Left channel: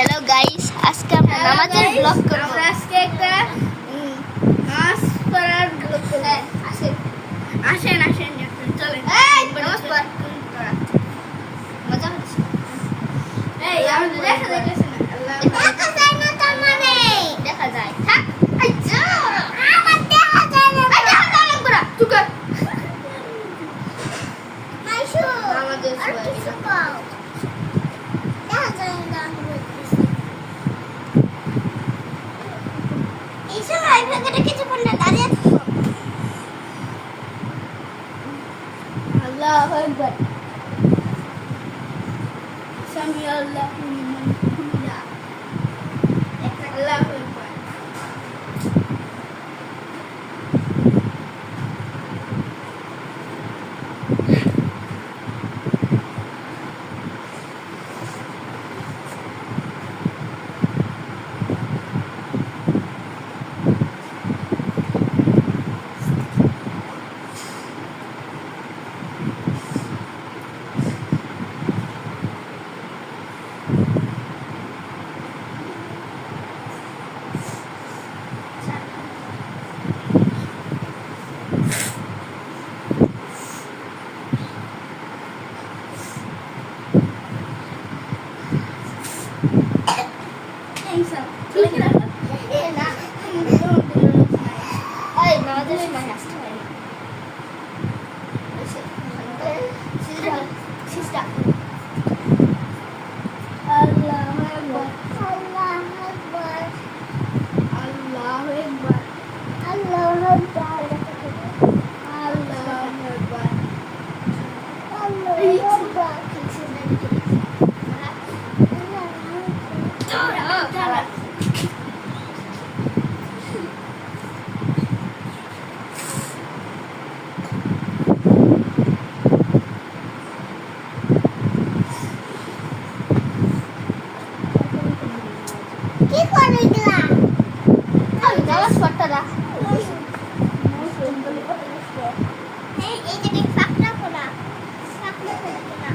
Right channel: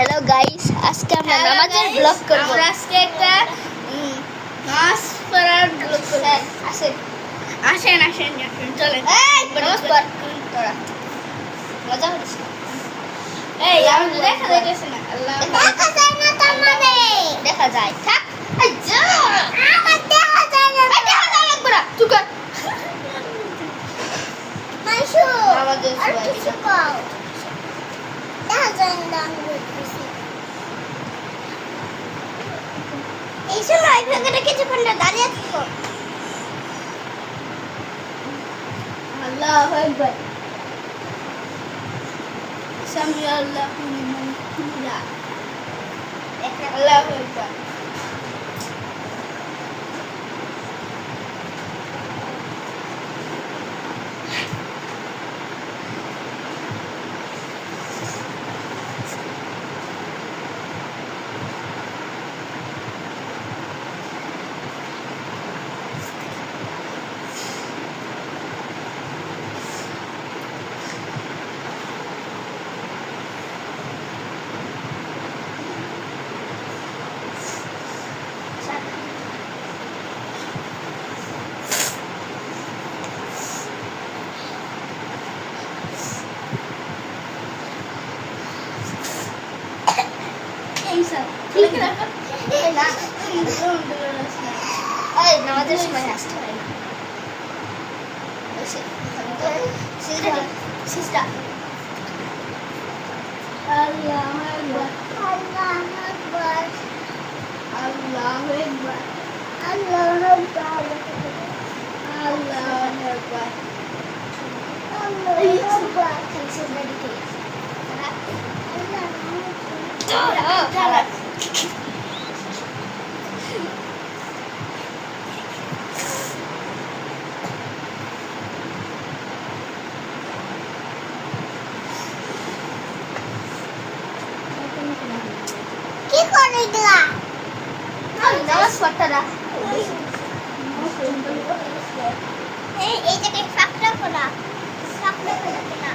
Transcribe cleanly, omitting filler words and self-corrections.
Hello guys, আজকে আমরা নামাজের ব্লগ করব। আমরা আজকে একটা নামাজ পড়ার ব্লগ করব। আসেন আসেন আসেন আসেন চলেন। নামাজ পড় তোরা মজা হচ্ছে। এই আমাদের দেখা যাইতেছে না। আল্লাহ দেখা যায় না তোর মানে দেখা যায় থাক এই যা আমার দেখা যায় না দেখা যায় না বড়া চুপ কর। মাইশু নামাজের আর সময় কিছু কর দেখা যায় না আমি বলতেছি এই সময় আইফোনে কিছুক্ষণ না দাঁড়িয়ে থাকো। আল্লাহু আকবার। সামি আল্লাহু লিমান হামিদা। আল্লাহু আকবার। নামাজের সময় আসতে হয় না সিস্টার আল্লাহু আকবার। আল্লাহু আকবার আল্লাহু আকবার। আল্লাহু আকবার আল্লাহু আকবার। আল্লাহু আকবার কি করে দিলা নামাজ পড়তে না। এই জায়গায় ফাঁকটা করা কিনা